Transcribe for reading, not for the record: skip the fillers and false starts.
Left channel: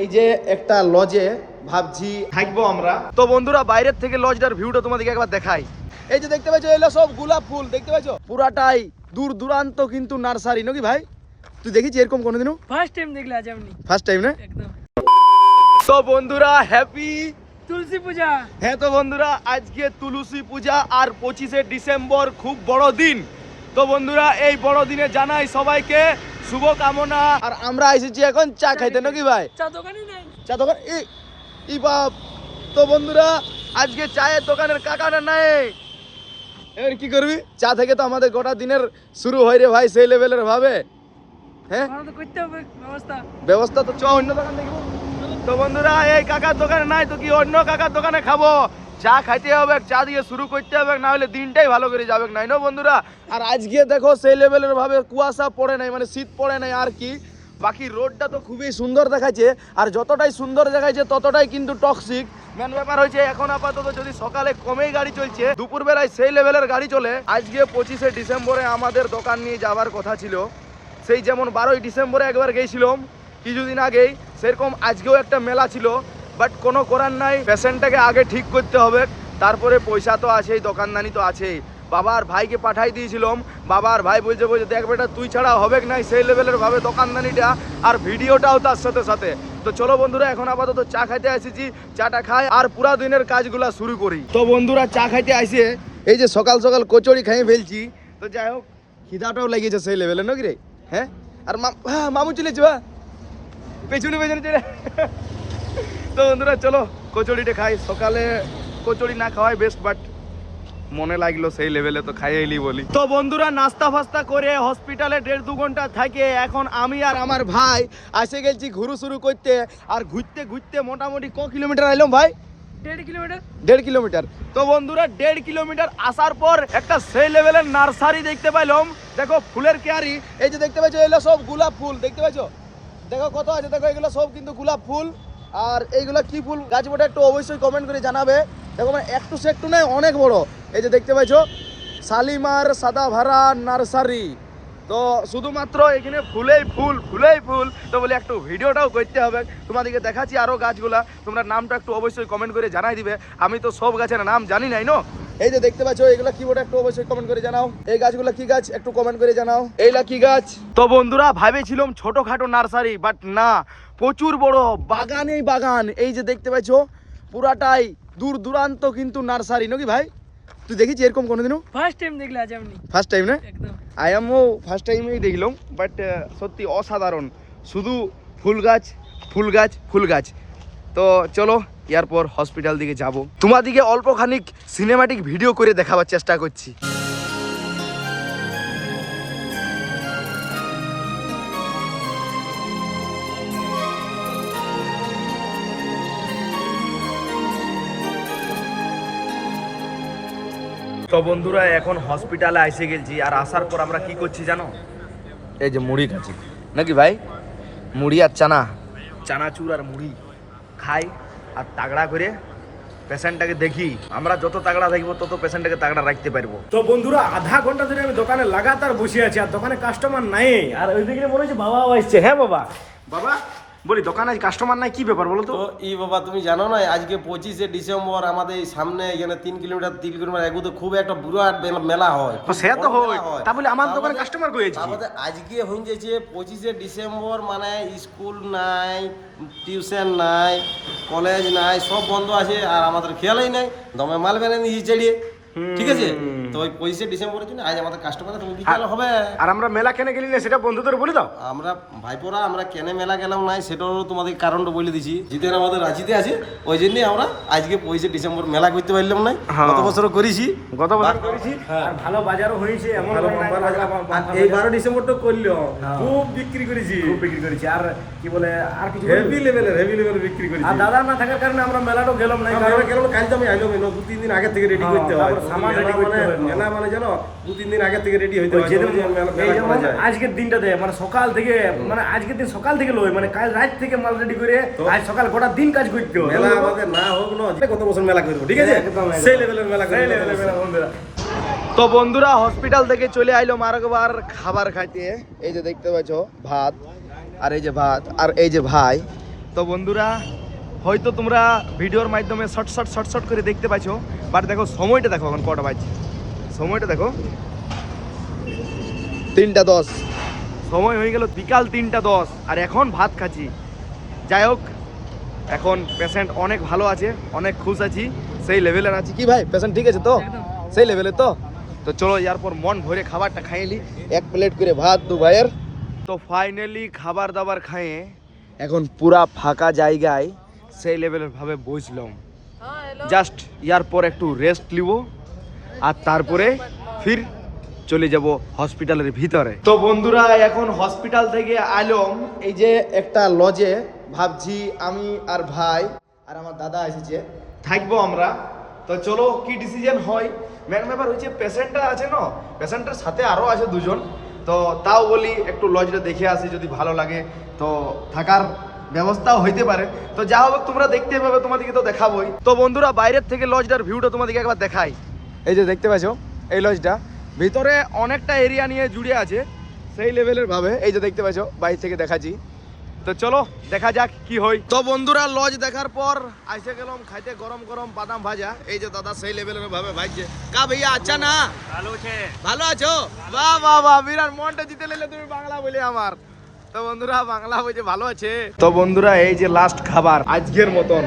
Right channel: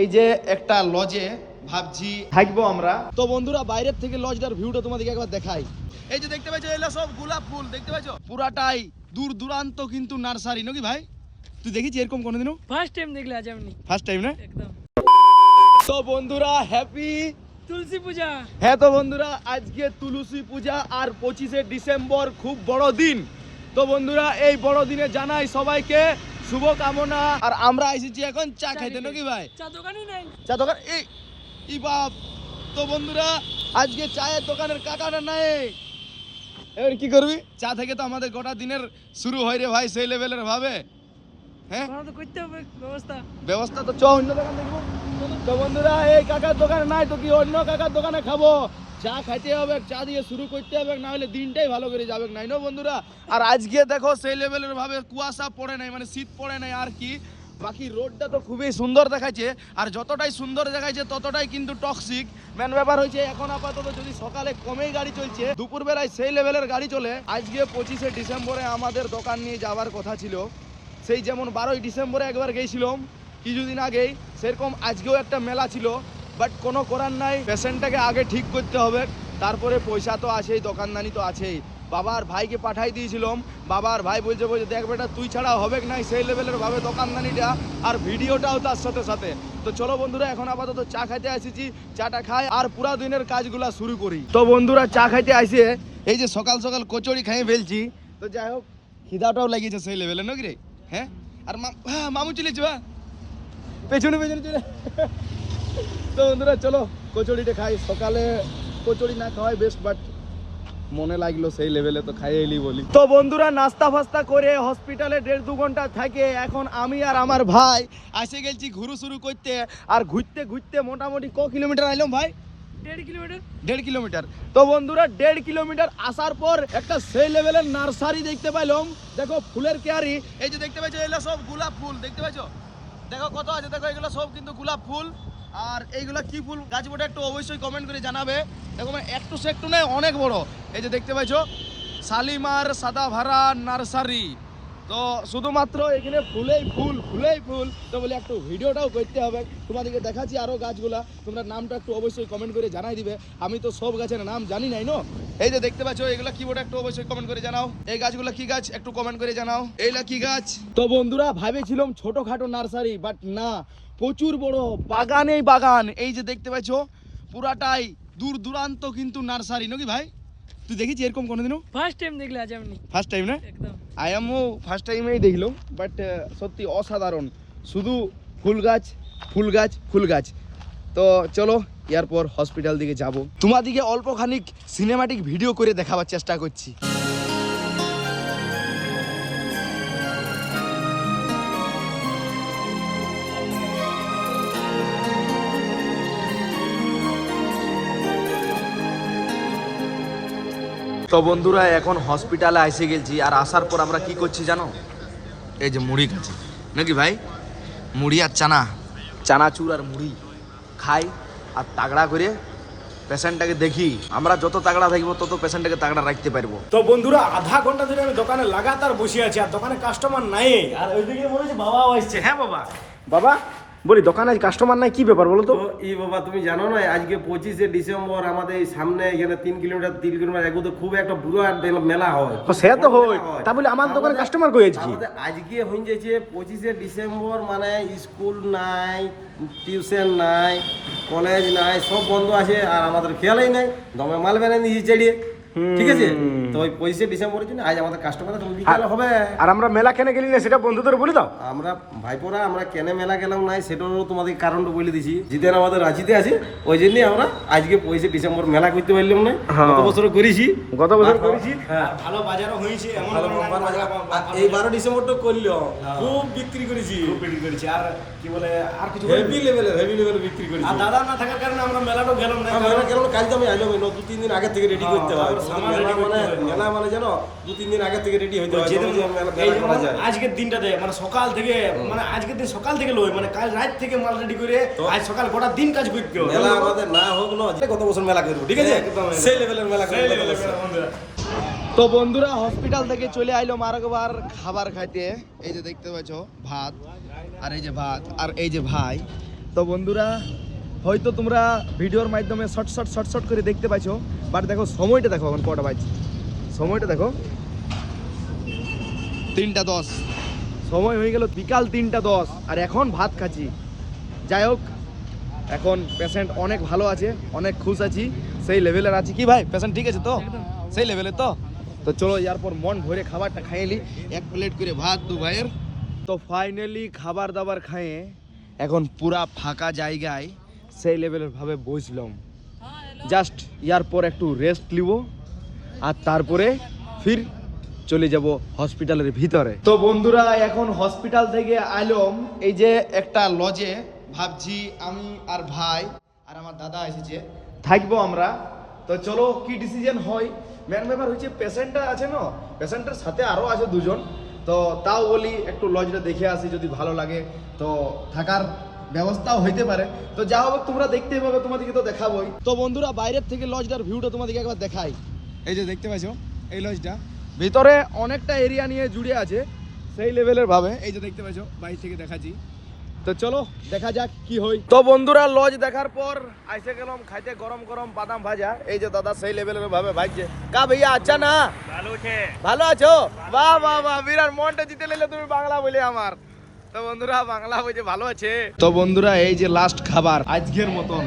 এই যে একটা লজে ভাবছি থাকবো আমরা। তো বন্ধুরা বাইরের থেকে লজটার ভিউটা তোমাদেরকে একবার দেখাই। এই যে দেখতে পাচ্ছ এগুলো সব গোলাপ ফুল, দেখতে পাচ্ছ পুরাটাই দূর দূরান্ত কিন্তু নার্সারি নাকি ভাই? তুই দেখিস এরকম কোনোদিনও? ফার্স্ট টাইম দেখলে আজ আমি। ফার্স্ট টাইম না? একদম। তো বন্ধুরা হ্যাপি তুলসী পূজা। হ্যাঁ তো বন্ধুরা আজকে তুলসী পূজা আর 25শে ডিসেম্বর খুব বড় দিন। তো বন্ধুরা এই বড় দিনে জানাই সবাইকে শুভ কামনা। আর আমরা এসেছি এখন চা খাইতে নাকি ভাই? চা দোকানই নেই। চা দোকান এই বাপ। তো বন্ধুরা আজকে চায়ের দোকানের কাকাটা নাই, এবার কি করবি? চা থেকে তো আমাদের গোটা দিনের শুরু হয় রে ভাই, সেই লেভেলের ভাবে। হ্যাঁ তো করতে হবে ব্যবস্থা তো চ অন্য দোকান দেখবো। তো বন্ধুরা এই কাকার দোকানে নাই তো কি অন্য কাকার দোকানে খাবো? চা খাইতে হবে, চা দিয়ে শুরু করতে হবে, না হলে দিনটাই ভালো করে যাবে নাই না বন্ধুরা। আর আজকে দেখো সেই লেভেলের ভাবে কুয়াশা পড়ে নাই, মানে শীত পড়ে নাই আর কি। বাকি রোডটা তো খুবই সুন্দর দেখাচ্ছে, আর যতটাই সুন্দর দেখাচ্ছে ততটাই কিন্তু টক্সিক। মেন ব্যাপার হয়েছে এখন আপাতত যদি সকালে কমেই গাড়ি চলছে, দুপুর বেলায় সেই লেভেলের গাড়ি চলে। আজকে 25শে ডিসেম্বরে আমাদের দোকান নিয়ে যাওয়ার কথা ছিল, সেই যেমন 12ই ডিসেম্বরে একবার গেছিলাম কিছুদিন আগেই, সেরকম আজকেও একটা মেলা ছিল। বাট কোনো করার নাই, পেশেন্টটাকে আগে ঠিক করতে হবে, তারপরে পয়সা তো আছেই, দোকানদানি তো আছেই। বাবার ভাইকে পাঠাই দিয়েছিলাম, বাবার ভাই বলছে দেখ বেটা তুই ছাড়া হবে নাই সেই লেভেলের ভাবে দোকানদানিটা, আর ভিডিওটাও তার সাথে সাথে। তো চলো বন্ধুরা এখন আপাতত চা খাইতে এসেছি, চাটা খাই আর পুরা দিনের কাজগুলা শুরু করি। তো বন্ধুরা চা খাইতে আসে এই যে সকাল সকাল কচুরি খাইয়ে ফেলছি। তো যাই হোক খিদাটাও লেগেছে সেই লেভেলে নাকি রে? হ্যাঁ আর মামু চলেছে বা পেছনে পেছনে চলে। তো বন্ধুরা চলো কচুরিটা খাই, সকালে কচুরি না খাওয়াই বেস্ট, বাট মনে লাগলো সেই লেভেলে তো খাইয়ে এলি বলি। তো বন্ধুরা নাস্তা ফাস্তা করে হসপিটালে 1.5-2 ঘন্টা থাকে এখন আমি আর আমার ভাই আসে গেছি ঘুরু শুরু করতে। আর ঘুরতে ঘুরতে মোটামুটি ক কিলোমিটার আইলাম ভাই? 1.5 কিলোমিটার। 1.5 কিলোমিটার। তো বন্ধুরা 1.5 কিলোমিটার আসার পর একটা সেই লেভেলের নার্সারি দেখতে পাইলাম। দেখো ফুলের কেয়ারি, এই যে দেখতে পাচ্ছ এগুলো সব গোলাপ ফুল, দেখতে পাচ্ছ? দেখো কত আছে, দেখো এগুলো সব কিন্তু গোলাপ ফুল। আর এইগুলো কি ফুল গাছ বটে একটু অবশ্যই কমেন্ট করে জানাবে। দেখো মানে একটু সে একটু নয়, অনেক বড়। এই যে দেখতে পাচ্ছ শালিমার সাদাভারা নার্সারি। তো শুধুমাত্র এখানে ফুলেই ফুল ফুলেই ফুল। তো বলে একটু ভিডিওটাও করতে হবে, তোমাদেরকে দেখাচ্ছি আরো গাছগুলা, তোমরা নামটা একটু অবশ্যই কমেন্ট করে জানাই দিবে। আমি তো সব গাছের নাম জানি নাই নো। এই যে দেখতে পাচ্ছ এগুলা কি বটে একটু অবশ্যই কমেন্ট করে জানাও। এই গাছগুলা কি গাছ একটু কমেন্ট করে জানাও। এইলা কি গাছ? তো বন্ধুরা ভাবেছিলাম ছোটখাটো নার্সারি, বাট না, প্রচুর বড় বাগানেই বাগান। এই যে দেখতে পাচ্ছ পুরাটাই দূর দূরান্ত কিন্তু নার্সারি নাকি ভাই? তুই দেখিস এরকম কোনোদিনও? ফার্স্ট টাইম দেখলে আজ আমি। ফার্স্ট টাইম না? একদম। আই এমও ফার্স্ট টাইমেই দেখলাম, বাট সত্যি অসাধারণ, শুধু ফুল গাছ ফুল গাছ ফুল গাছ। তো চলো এরপর হসপিটাল দিকে যাব, তোমাদিকে অল্প খানিক সিনেমাটিক ভিডিও করে দেখাবার চেষ্টা করছি। তো বন্ধুরা এখন হসপিটালে এসে গেছি, আর আসার পর আমরা কি করছি জানো? এই যে মুড়ি খাচ্ছি নাকি ভাই, মুড়ি আর চানাচুর আর মুড়ি খাই আর তাগড়া করে পেশেন্টটাকে দেখি। আমরা যত তাগড়া থাকবো তত পেশেন্টটাকে তাগড়া রাখতে পারবো। তো বন্ধুরা আধা ঘন্টা ধরে আমি দোকানে লাগাতার বসে আছি, আর দোকানে কাস্টমার নাই। আর ওইদিকে মনে হচ্ছে বাবাও আসছে। হ্যাঁ বাবা, বাবা বলি দোকানে কাস্টমার নাই, কি ব্যাপার বলো তো? এই বাবা তুমি জানো না আজকে 25শে ডিসেম্বর আমাদের এই সামনে এখানে 3 কিলোমিটার এগুলো খুব একটা বুড়ো মেলা হয়। সে তো হয়, তা বলে আমার দোকানে কাস্টমার কই আজকে? আজকে হয়ে যাচ্ছে 25শে ডিসেম্বর, মানে স্কুল নাই, টিউশন নাই, কলেজ নাই, সব বন্ধ আছে। আর আমাদের খেয়ালই নাই, দমে মাল বেনে নিয়েছি চেড়িয়ে। ঠিক আছে, তো ওই 25শে ডিসেম্বরের জন্য আজ আমাদের কাস্টমার তুমি বিকেল হবে। আর আমরা মেলা কেন গেলি না সেটা বন্ধুদের বলে দাও। আমরা ভাইপোরা আমরা কেন মেলা গেলাম নাই সেটারও তোমাদের কারণটা বলে দিছি। জিতেন আমাদের রাঁচিতে আছে, ওই জন্যই আমরা আজকে 25শে ডিসেম্বর মেলা করতে পারলাম না। গত বছরও করেছি, গত বছর করেছি, আর ভালো বাজারও হয়েছে। এমন এই 12 ডিসেম্বরটা করলো খুব বিক্রি করেছি, খুব বিক্রি করেছি। আর কি বলে আর কিছু হেভি লেভেলের বিক্রি করেছি। আর দাদা না থাকার কারণে আমরা মেলাটাও গেলাম না। আমরা গেলাম কাল তো আমি আইলাম 2-3 দিন আগে থেকে রেডি করতে হয়। মেলা মানে জানো 2-3 দিন আগে থেকে রেডি হইতে হয়। আজকের দিনটাতে মানে সকাল থেকে, মানে আজকের দিন সকাল থেকে লই, মানে কাল রাত থেকে মাল রেডি করে আজ সকাল গোটা দিন কাজ করতে হয়। মেলা আমাদের না হোক না, গত বছর মেলা করবো, ঠিক আছে? সেই লেভেলের মেলা করবো। তো বন্ধুরা হসপিটাল থেকে চলে আইলো আরেকবার খাবার খাইতে। এই যে দেখতে পাচ্ছ ভাত, আর এই যে ভাত, আর এই যে ভাই তো বন্ধুরা হয়তো তোমরা ভিডিওর মাধ্যমে শর্ট করে দেখতে পাইছো, বাট দেখো সময়টা দেখো এখন কটা বাজছে, সময়টা দেখো 3:10, সময় হয়ে গেল বিকাল 3:10 আর এখন ভাত খাচ্ছি। যাই হোক, এখন পেশেন্ট অনেক ভালো আছে, অনেক খুশ আছি, সেই লেভেলের আছি। কি ভাই পেশেন্ট ঠিক আছে তো? একদম। সেই লেভেলে তো চলো এরপর মন ভরে খাবারটা খাইয়ে নি, 1 প্লেট করে ভাত 2 ভাইয়ের। তো ফাইনালি খাবার দাবার খাইয়ে এখন পুরা ফাঁকা জায়গায় সেই লেভেলের ভাবে বসলাম। জাস্ট ইয়ার পর একটু রেস্ট নিব আর তারপরে ফির চলে যাব হসপিটালের ভিতরে। তো বন্ধুরা এখন হসপিটাল থেকে আইলাম এই যে একটা লজে, ভাবছি আমি আর ভাই আর আমার দাদা এসেছে থাকবো আমরা। তো চলো কি ডিসিশন হয়। মেন ব্যাপার হচ্ছে পেশেন্টটা আছে না, পেশেন্টের সাথে আরও আছে 2 জন, তো তাও বলি একটু লজটা দেখে আসি, যদি ভালো লাগে তো থাকার ব্যবস্থাও হইতে পারে। তো যা হবে তোমরা দেখতে পাবে, তোমাদেরকে তো দেখাবোই। তো বন্ধুরা বাইরের থেকে লজটার ভিউটা তোমাদেরকে একবার দেখাই। এই যে দেখতে পাচ্ছ এই লজটা, ভিতরে অনেকটা এরিয়া নিয়ে জুড়ে আছে সেই লেভেলের ভাবে। এই যে দেখতে পাচ্ছ বাইরে থেকে দেখাচ্ছি। তো চলো দেখা যাক কি হয়। তো বন্ধুরা লজ দেখার পর আইসে গেলাম খাইতে গরম গরম বাদাম ভাজা। এই যে দাদা সেই লেভেলের ভাবে ভাজছে। কা ভাইয়া আচ্ছা না? ভালো আছে। ভালো আছো? বাহ বাহ বাহ, বিরাট মনটা জিতে নিলে তুমি বাংলা বলে আমার। তো বন্ধুরা বাংলা বলছে ভালো আছে। তো বন্ধুরা এই যে লাস্ট খাবার আজকের মতন।